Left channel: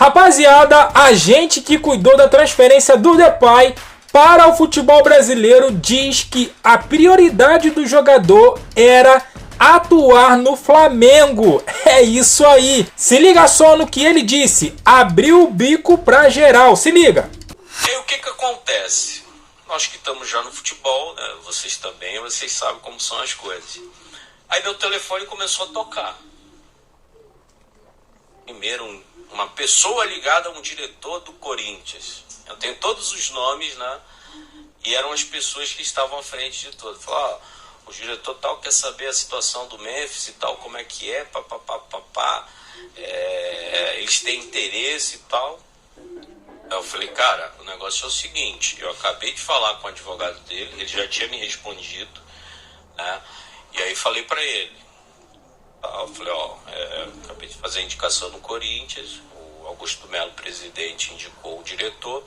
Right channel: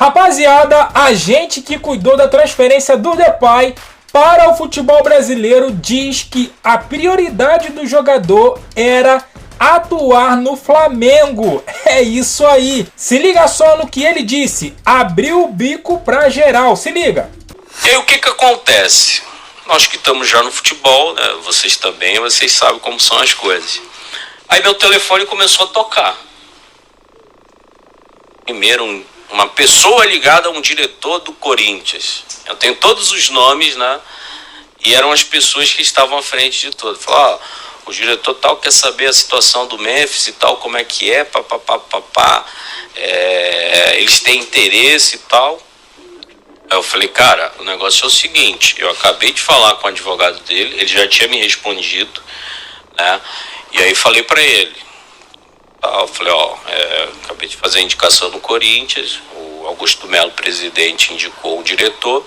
Rapaziada, a gente que cuidou da transferência do Depay para o futebol brasileiro diz que a prioridade do jogador era atuar no Flamengo. É isso aí. Se liga só no que ele disse. Abriu o bico pra geral. Se liga. E aí o que acontece? Nós que estamos já no futebol, né? Vocês também, vocês sabem como são as coisas. Aí meu telefone começou a tocar. Primeiro uma pessoa ligada a um diretor do Corinthians. Eu tenho todos os nomes, né? E eram as pessoas que estavam à frente de tudo. Falaram, o diretor tal quer saber a situação do Memphis e tal, como é que é, papapá, eles têm interesse e tal. Aí eu falei, cara, o negócio é o seguinte, eu acabei de falar com o advogado dele, ele já tinha me respondido, né? E aí falei pra ele, eu falei, acabei de fazer a indicação no Corinthians, o Augusto Melo, presidente, indicou o diretor,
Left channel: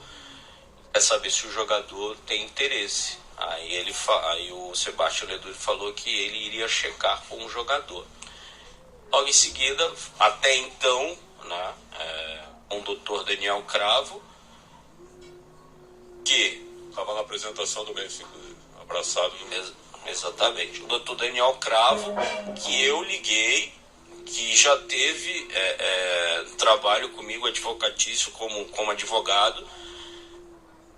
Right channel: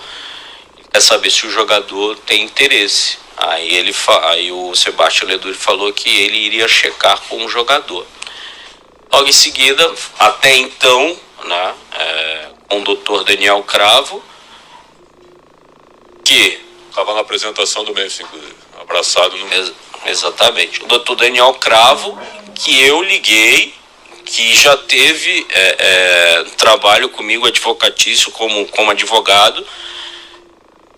quer saber se o jogador tem interesse. Aí o Sebastião Leduri falou que ele iria checar com o jogador. Logo em seguida, até então, né, com o Dr. Daniel Cravo, que estava na apresentação do Memphis, inclusive, abraçado no... Exatamente. O Dr. Daniel Cravo, que eu liguei, que já teve trabalho comigo advocatício como advogado.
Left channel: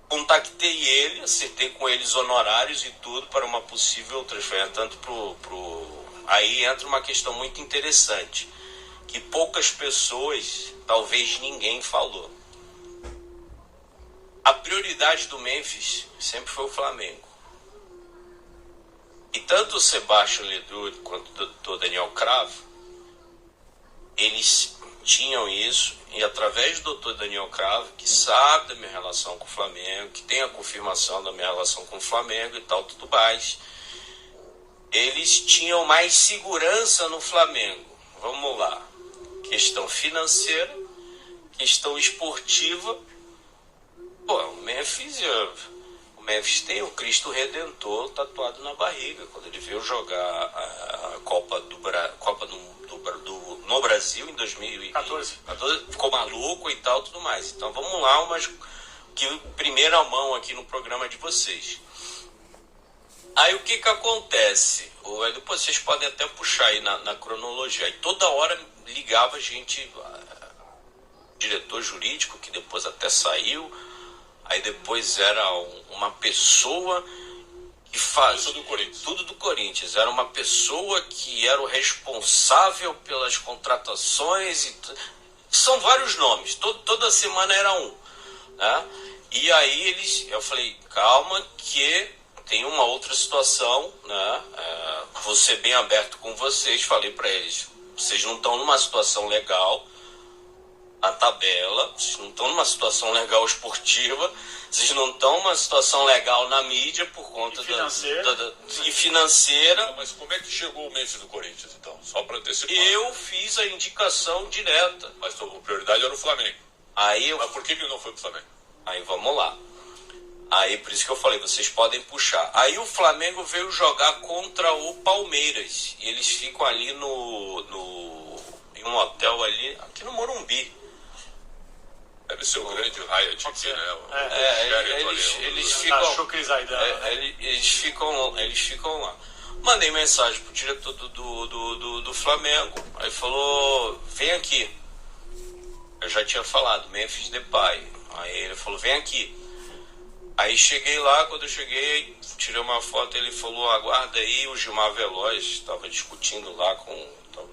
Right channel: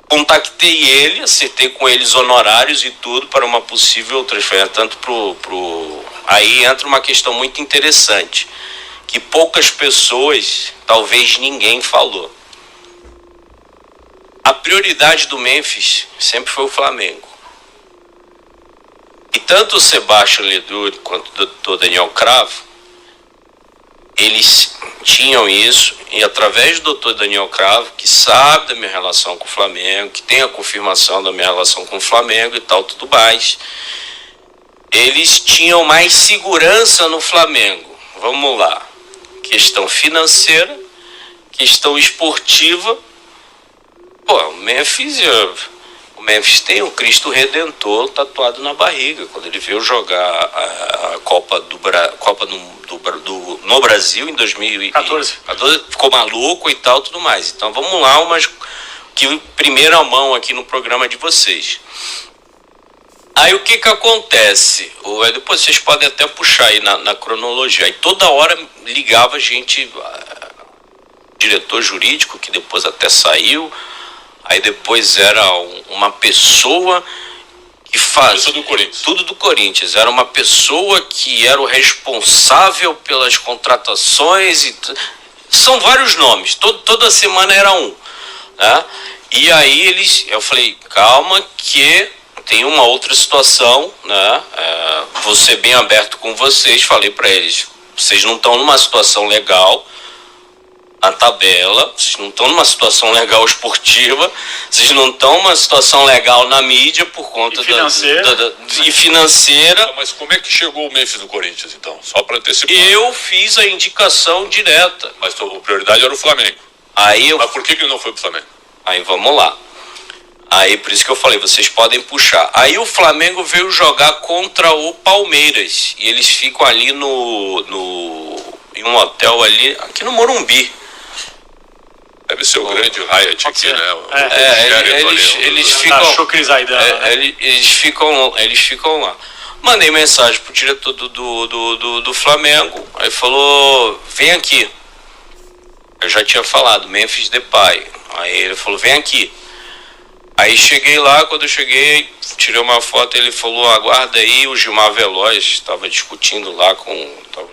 Contactei ele, acertei com eles honorários e tudo para uma possível transferência, tanto Aí entra uma questão muito interessante, que poucas pessoas, talvez ninguém falou. A prioridade do Memphis sempre foi o Flamengo. E tanto o Sebastião Leduri quanto o Dr. Daniel Cravo, eles tinham isso, e através do Dr. Daniel Cravo, que sabe da minha relação com o Flamengo, que tem a confirmação da minha relação com o Flamengo e tal, tudo mais, eles tinham mais segurança no Flamengo. Vamos lá. Questão financeira, questão esportiva. O Memphis tem o Cristo Redentor tatuado na barriga. Quando ele veio jogar a Copa no Brasil em 2014, ficou maluco e tal, tudo mais. Então vamos lá, que primeira mão aqui no programa de vocês. Aí o que acontece? Depois vocês podem até puxar aí na cronologia. Aí toda hora ligava gente, diretor jurídico, que depois até saiu. Aí depois era uma pessoa que faz tudo do Corinthians. Era uma pessoa que era o responsável pelas contratações. São vários nomes. Toda semana era um. Né? E aí eu falei, calma que tem uma outra situação. Né? Vou ser bem aberto com vocês. Falei para eles, vocês não estão numa situação legal na tabela, vocês não estão numa situação legal esportiva, vocês não estão numa situação legal na mídia por conta e financeira. Mas como é que chegou o Memphis no Corinthians, então? Só para antecipar. Eu fiz a indicação direta. Mas a prioridade era o Flamengo. Mas por que não foi pro Flamengo? Aí vamos lá. Aí por isso que eu falei, vocês podem puxar. Aí o Flamengo veio jogar contra o Palmeiras. E eles ficam ali em um hotel ali, aqui no Morumbi. Deve ser o grande Hyatt aqui, né? Eles ficam lá. Mandei mensagem pro diretor do Flamengo. Aí falou, vem aqui. Eu já tinha falado, Memphis Depay. Aí ele falou, vem aqui. Aí cheguei lá, quando eu cheguei, tirei uma foto, ele falou, aguarda aí, o Gilmar Veloz estava discutindo lá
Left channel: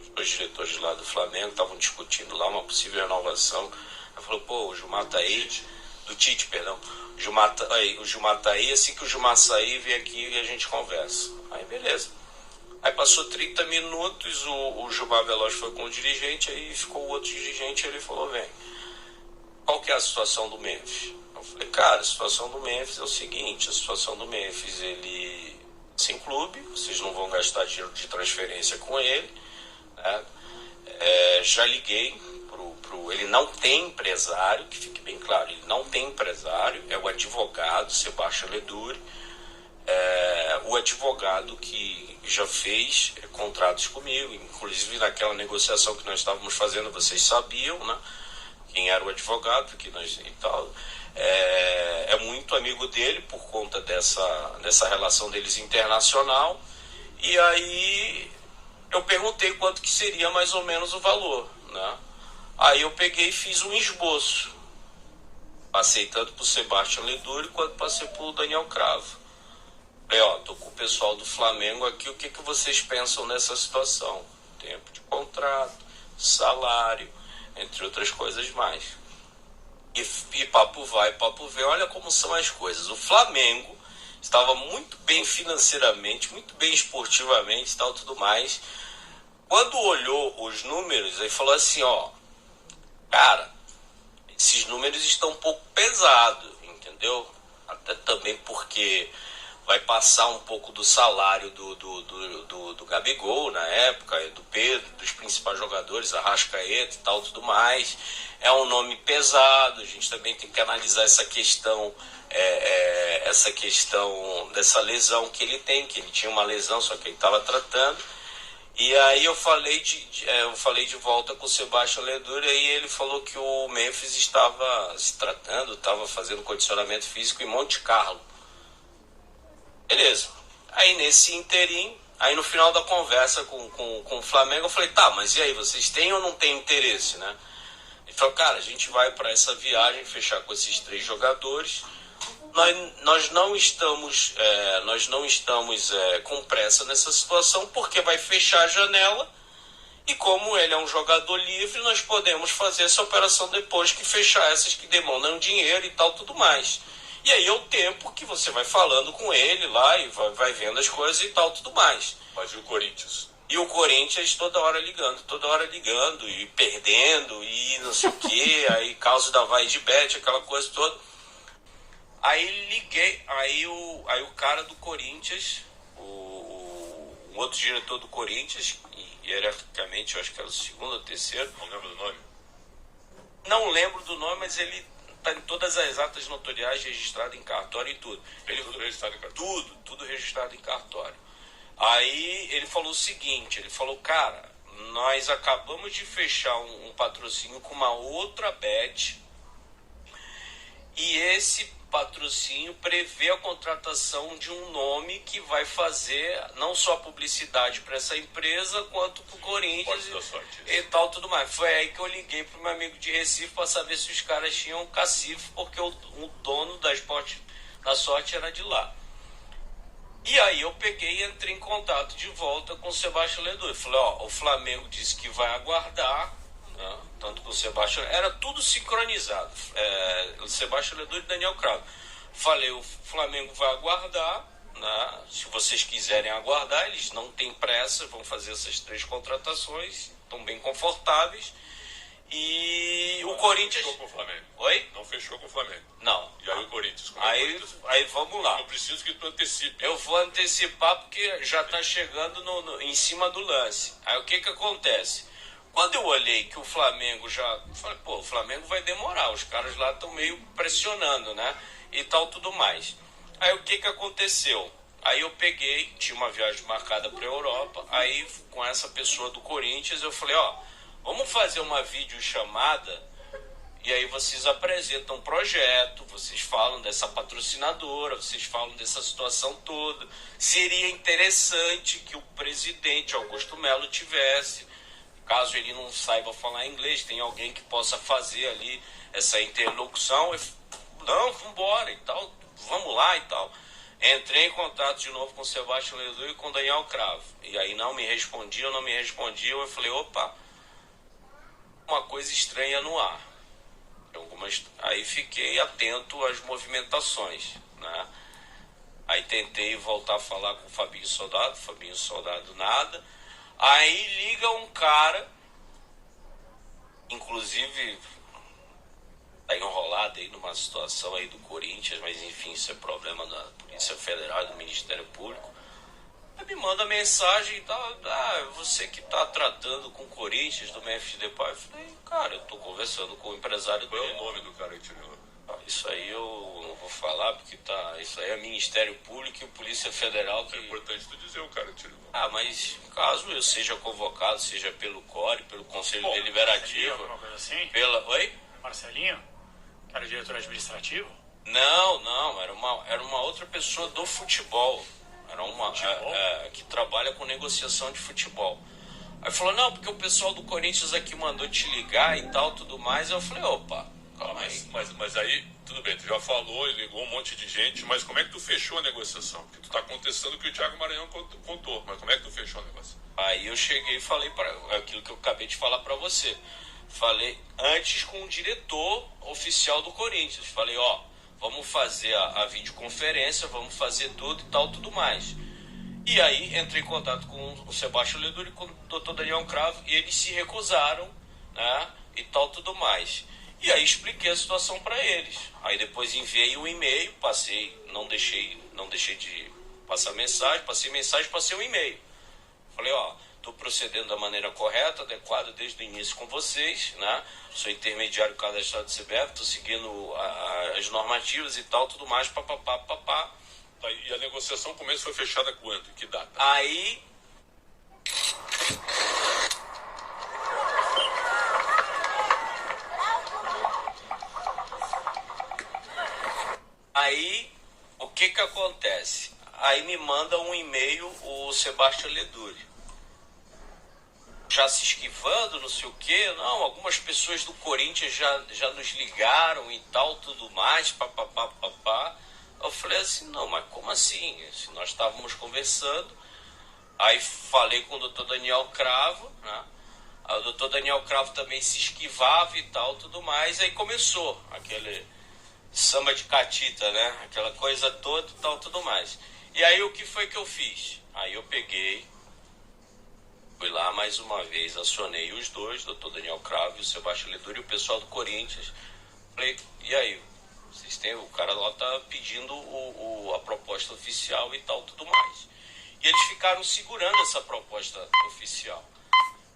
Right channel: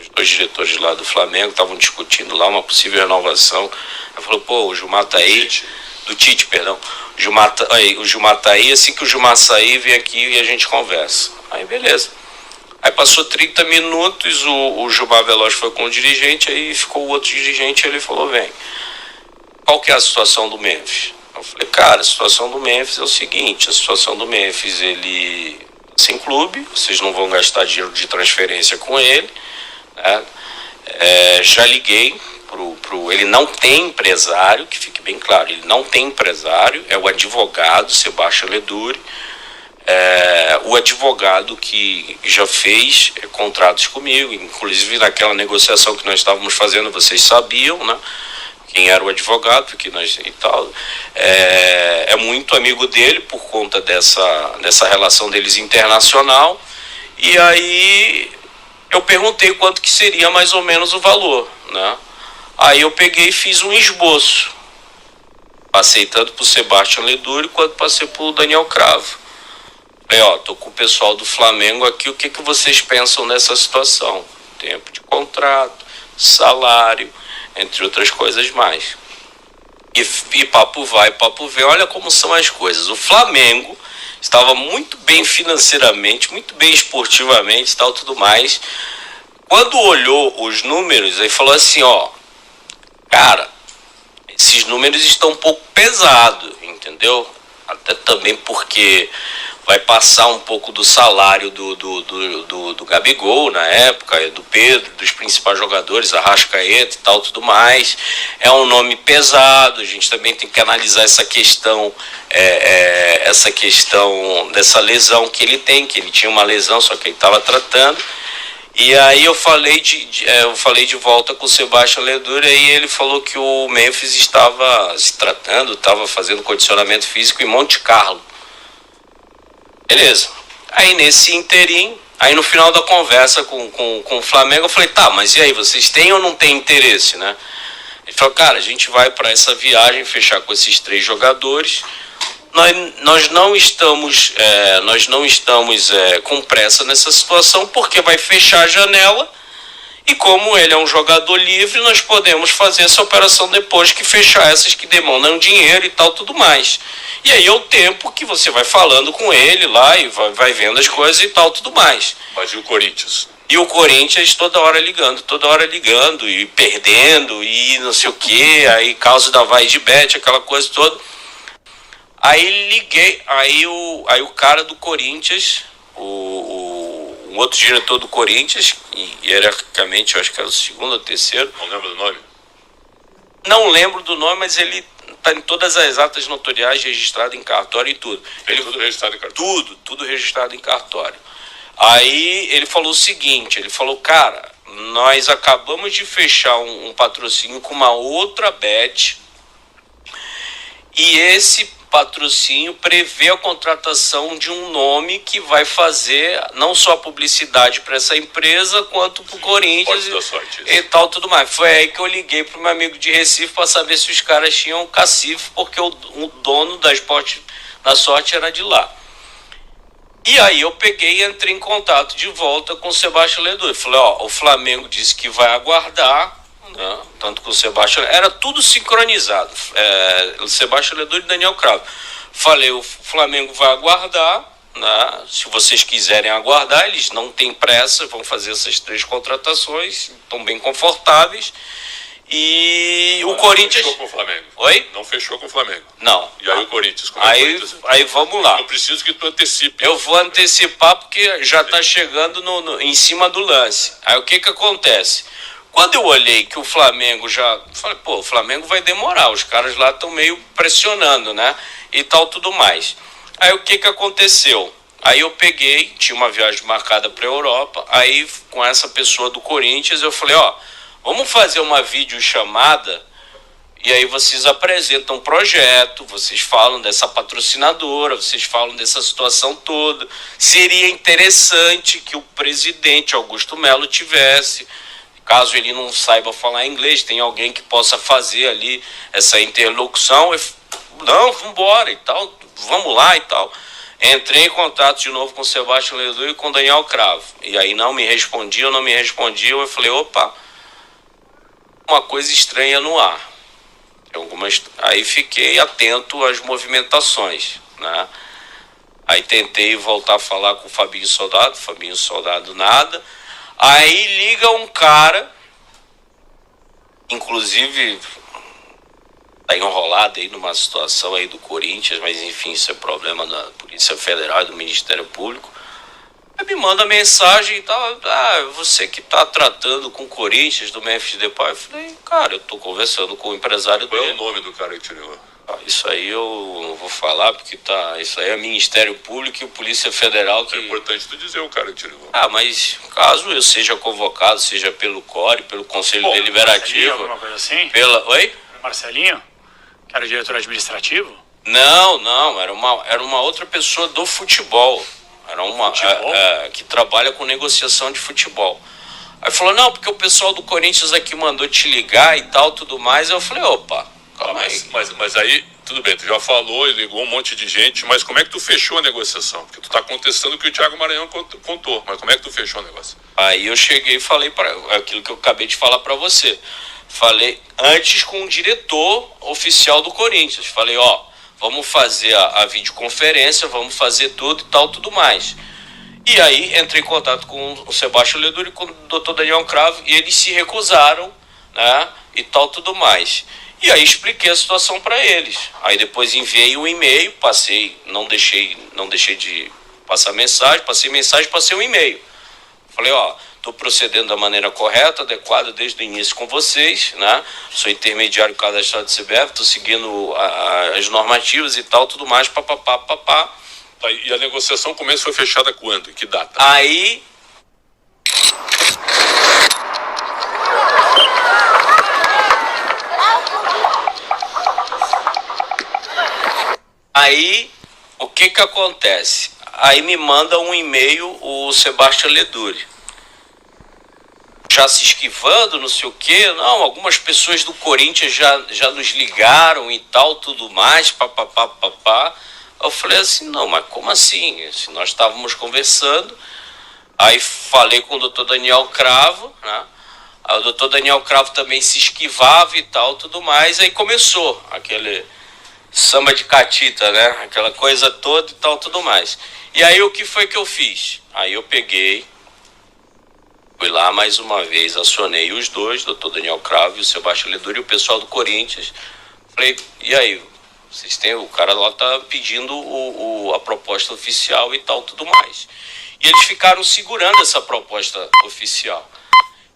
os dois diretores lá do Flamengo, estavam discutindo lá uma possível renovação. Ele falou, o Gilmar tá aí, do Tite, perdão. O Gilmar tá aí, assim que o Gilmar sair, vem aqui e a gente conversa. Aí beleza. Aí passou 30 minutos, o Gilmar Veloz foi com o dirigente, aí ficou o outro dirigente, ele falou, vem. Qual que é a situação do Memphis? Eu falei, cara, a situação do Memphis é o seguinte, a situação do Memphis, ele sem clube, vocês não vão gastar dinheiro de transferência com ele, né? Já liguei ele não tem empresário, que fique bem claro, ele não tem empresário, é o advogado Sebastião Leduri, o advogado que já fez contratos comigo, inclusive naquela negociação que nós estávamos fazendo, vocês sabiam, né? quem era o advogado, porque nós e tal, é muito amigo dele por conta dessa relação deles internacional. E aí eu perguntei quanto que seria mais ou menos o valor, né? Aí eu peguei e fiz um esboço. Passei tanto pro Sebastião Leduri quanto passei pro Daniel Cravo. Falei, tô com o pessoal do Flamengo aqui, o que vocês pensam nessa situação? Tempo de contrato, salário, entre outras coisas mais. E papo vai, papo vem, olha como são as coisas. O Flamengo estava muito bem financeiramente, muito bem esportivamente e tal, tudo mais. Quando olhou os números, aí falou assim, cara, esses números estão um pouco pesados, entendeu? Até também porque vai passar um pouco do salário do Gabigol na época, do Pedro, dos principais jogadores, Arrascaeta e tal, tudo mais. É um nome pesado, a gente também tem que analisar essa questão dessa lesão que ele tem, que ele tinha uma lesão, só que ele estava tratando. E aí eu falei de volta com o Sebastião Leduri, e ele falou que o Memphis estava se tratando, estava fazendo condicionamento físico em Monte Carlo. Beleza. Aí nesse interim, aí no final da conversa com o Flamengo, eu falei, tá, mas e aí, vocês têm ou não têm interesse, né? Ele falou, cara, a gente vai para essa viagem fechar com esses 3 jogadores. Nós não estamos com pressa nessa situação, porque vai fechar a janela, e como ele é um jogador livre, nós podemos fazer essa operação depois que fechar essas que demandam dinheiro e tal, tudo mais. E aí é o tempo que você vai falando com ele lá e vai vendo as coisas e tal, tudo mais. Mas e o Corinthians? E o Corinthians toda hora ligando e perdendo e não sei o que, aí causa da vai de bet, aquela coisa toda. Aí liguei, aí o cara do Corinthians, um outro diretor do Corinthians, hierarquicamente eu acho que era o segundo ou terceiro. Não lembro do nome? Não lembro do nome, mas ele tá em todas as atas notoriais, registrado em cartório e tudo. Tudo registrado em cartório? Tudo registrado em cartório. Aí ele falou o seguinte, ele falou, cara, nós acabamos de fechar um patrocínio com uma outra bet, e esse patrocínio prevê a contratação de um nome que vai fazer não só publicidade para essa empresa, quanto para o Corinthians e tal, tudo mais. Foi aí que eu liguei para o meu amigo de Recife para saber se os caras tinham cacife, porque o dono da Esporte da Sorte era de lá. E aí eu peguei e entrei em contato de volta com o Sebastião Leduri. Falei, o Flamengo disse que vai aguardar, né? Tanto com o Sebastião, era tudo sincronizado, o Sebastião Leduri e Daniel Cravo. Falei, o Flamengo vai aguardar, né? Se vocês quiserem aguardar, eles não têm pressa, vão fazer essas 3 contratações, estão bem confortáveis. E o Corinthians... Não fechou com o Flamengo. Oi? Não fechou com o Flamengo. Não. E aí o Corinthians? Como aí vamos lá. Eu preciso que tu antecipe. Eu vou antecipar porque já está chegando em cima do lance. Aí o que acontece? Quando eu olhei que o Flamengo falei, o Flamengo vai demorar, os caras lá estão meio pressionando, né? E tal, tudo mais. Aí o que aconteceu? Aí eu peguei, tinha uma viagem marcada para a Europa, aí com essa pessoa do Corinthians eu falei, vamos fazer uma videochamada, e aí vocês apresentam um projeto, vocês falam dessa patrocinadora, vocês falam dessa situação toda. Seria interessante que o presidente Augusto Melo tivesse... Caso ele não saiba falar inglês, tem alguém que possa fazer ali essa interlocução. Não, vambora e tal, vamos lá e tal. Entrei em contato de novo com o Sebastião Leduri e com o Daniel Cravo. E aí não me respondiam. Eu falei, opa, uma coisa estranha no ar. Aí fiquei atento às movimentações, né? Aí tentei voltar a falar com o Fabinho Soldado nada. Aí liga um cara, inclusive tá enrolado aí numa situação aí do Corinthians, mas enfim, isso é problema da Polícia Federal e do Ministério Público. Aí me manda mensagem e tal, você que tá tratando com o Corinthians, do Memphis Depay. Eu falei, cara, eu tô conversando com o empresário dele. Qual é o nome do cara que te ligou? Isso aí eu não vou falar, porque isso aí é Ministério Público e Polícia Federal que... É importante tu dizer o cara que te ligou. Mas caso eu seja convocado, seja pelo CORE, pelo Conselho Deliberativo... Alguma coisa assim? Oi? Marcelinho, que era o diretor administrativo? Não, era uma outra pessoa do futebol. Era uma que trabalha com negociação de futebol. Aí falou, não, porque o pessoal do Corinthians aqui mandou te ligar e tal, tudo mais. Eu falei, opa, calma aí. Mas aí, tudo bem, tu já falou e ligou um monte de gente, mas como é que tu fechou a negociação? Porque tu tá contestando o que o Thiago Maranhão contou, mas como é que tu fechou o negócio? Aí eu cheguei e falei para aquilo que eu acabei de falar para você. Falei antes com o diretor oficial do Corinthians. Falei, ó, vamos fazer a videoconferência, vamos fazer tudo e tal, tudo mais. E aí entrei em contato com o Sebastião Leduri e com o Dr. Daniel Cravo e eles se recusaram, né, e tal, tudo mais. E aí expliquei a situação para eles. Aí depois enviei um e-mail, não deixei de passar mensagem, passei um e-mail. Falei, ó, estou procedendo da maneira correta, adequada desde o início com vocês, né? Sou intermediário cadastrado de CBF, estou seguindo as normativas e tal, tudo mais, papapá. E a negociação foi fechada quando? Em que data? Aí, o que acontece? Aí me manda um e-mail o Sebastião Leduri. Já se esquivando, não sei o quê. Não, algumas pessoas do Corinthians já nos ligaram e tal, tudo mais, papapá. Eu falei assim, não, mas como assim? Se nós estávamos conversando, aí falei com o Dr. Daniel Cravo, né? Aí o Dr. Daniel Cravo também se esquivava e tal, tudo mais. Aí começou aquele samba de catita, né? Aquela coisa toda e tal, tudo mais. E aí o que foi que eu fiz? Aí eu peguei, fui lá mais uma vez, acionei os dois, o Dr. Daniel Cravo e o Sebastião Leduri, e o pessoal do Corinthians. Falei, e aí? Vocês têm, o cara lá tá pedindo a proposta oficial e tal, tudo mais. E eles ficaram segurando essa proposta oficial.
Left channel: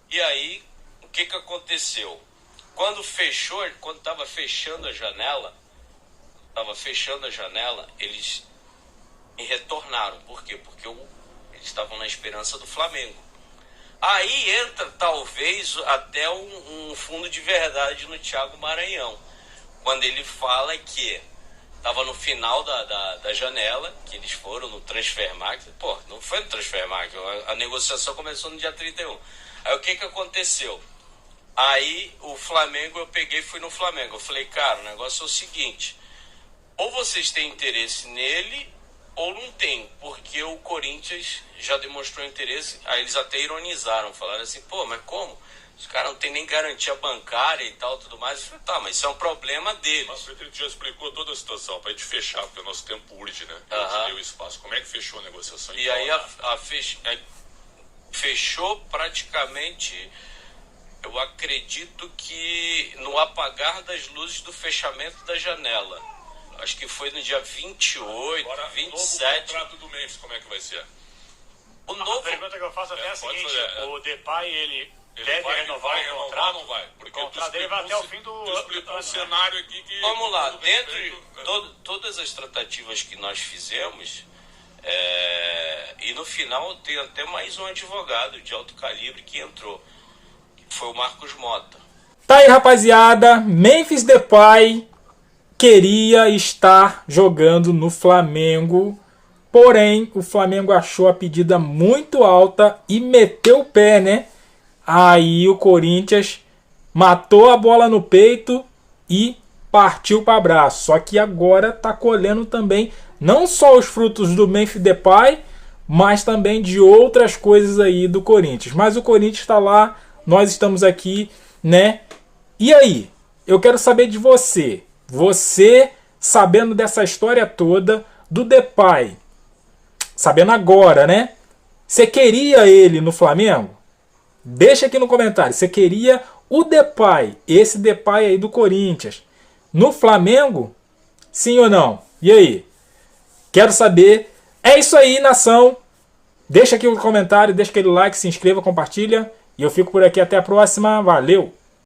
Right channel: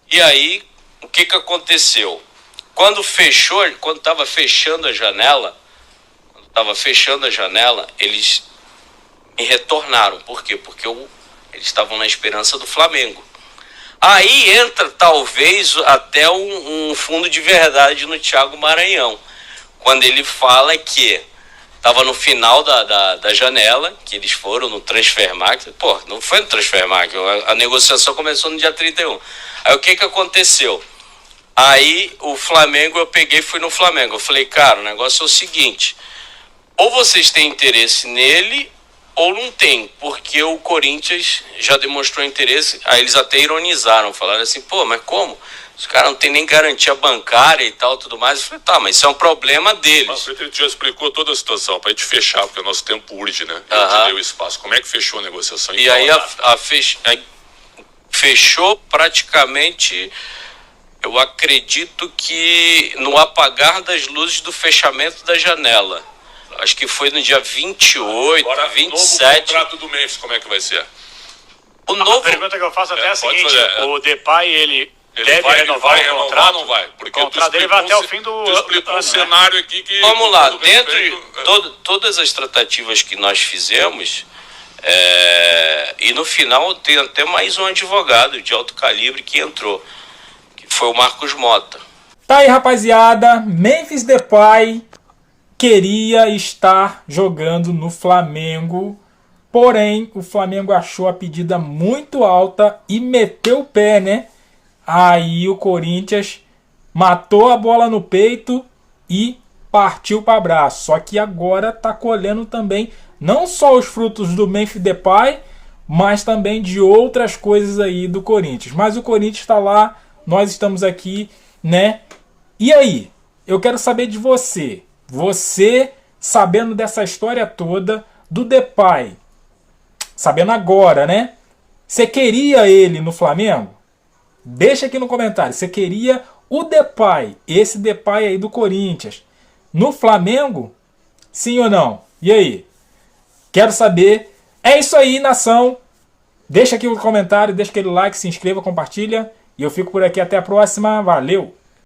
E aí, o que aconteceu? Quando estava fechando a janela, eles me retornaram. Por quê? Porque eles estavam na esperança do Flamengo. Aí entra, talvez, até um fundo de verdade no Thiago Maranhão. Quando ele fala que estava no final da janela, que eles foram no Transfermarkt. Pô, não foi no Transfermarkt, a negociação começou no dia 31. Aí o que aconteceu? Aí o Flamengo, eu peguei e fui no Flamengo. Eu falei, cara, o negócio é o seguinte, ou vocês têm interesse nele, ou não tem, porque o Corinthians já demonstrou interesse. Aí eles até ironizaram, falaram assim, pô, mas como? Os caras não tem nem garantia bancária e tal, tudo mais. Eu falei, tá, mas isso é um problema deles. Mas ele já explicou toda a situação, pra gente fechar, porque o nosso tempo urge, né? A gente deu espaço. Como é que fechou a negociação? E aí fechou praticamente, eu acredito que no apagar das luzes do fechamento da janela. Acho que foi no dia 28, agora, 27. O contrato do Memphis, como é que vai ser? A pergunta que eu faço até é a seguinte, o Depay, ele deve renovar o contrato? Não vai, porque o contrato dele vai até o fim do ano. Explicou um cenário aqui que... Vamos lá, dentro de todas as tratativas que nós fizemos, e no final tem até mais um advogado de alto calibre que entrou, que foi o Marcos Mota. Tá aí, rapaziada, Memphis Depay queria estar jogando no Flamengo, porém o Flamengo achou a pedida muito alta e meteu o pé, né? Aí o Corinthians matou a bola no peito e partiu para abraço. Só que agora tá colhendo também não só os frutos do Memphis Depay, mas também de outras coisas aí do Corinthians. Mas o Corinthians está lá, nós estamos aqui, né? E aí? Eu quero saber de você. Você, sabendo dessa história toda do Depay, sabendo agora, né? Você queria ele no Flamengo? Deixa aqui no comentário. Você queria o Depay, esse Depay aí do Corinthians, no Flamengo? Sim ou não? E aí? Quero saber. É isso aí, nação. Deixa aqui o comentário, deixa aquele like, se inscreva, compartilha. E eu fico por aqui. Até a próxima. Valeu!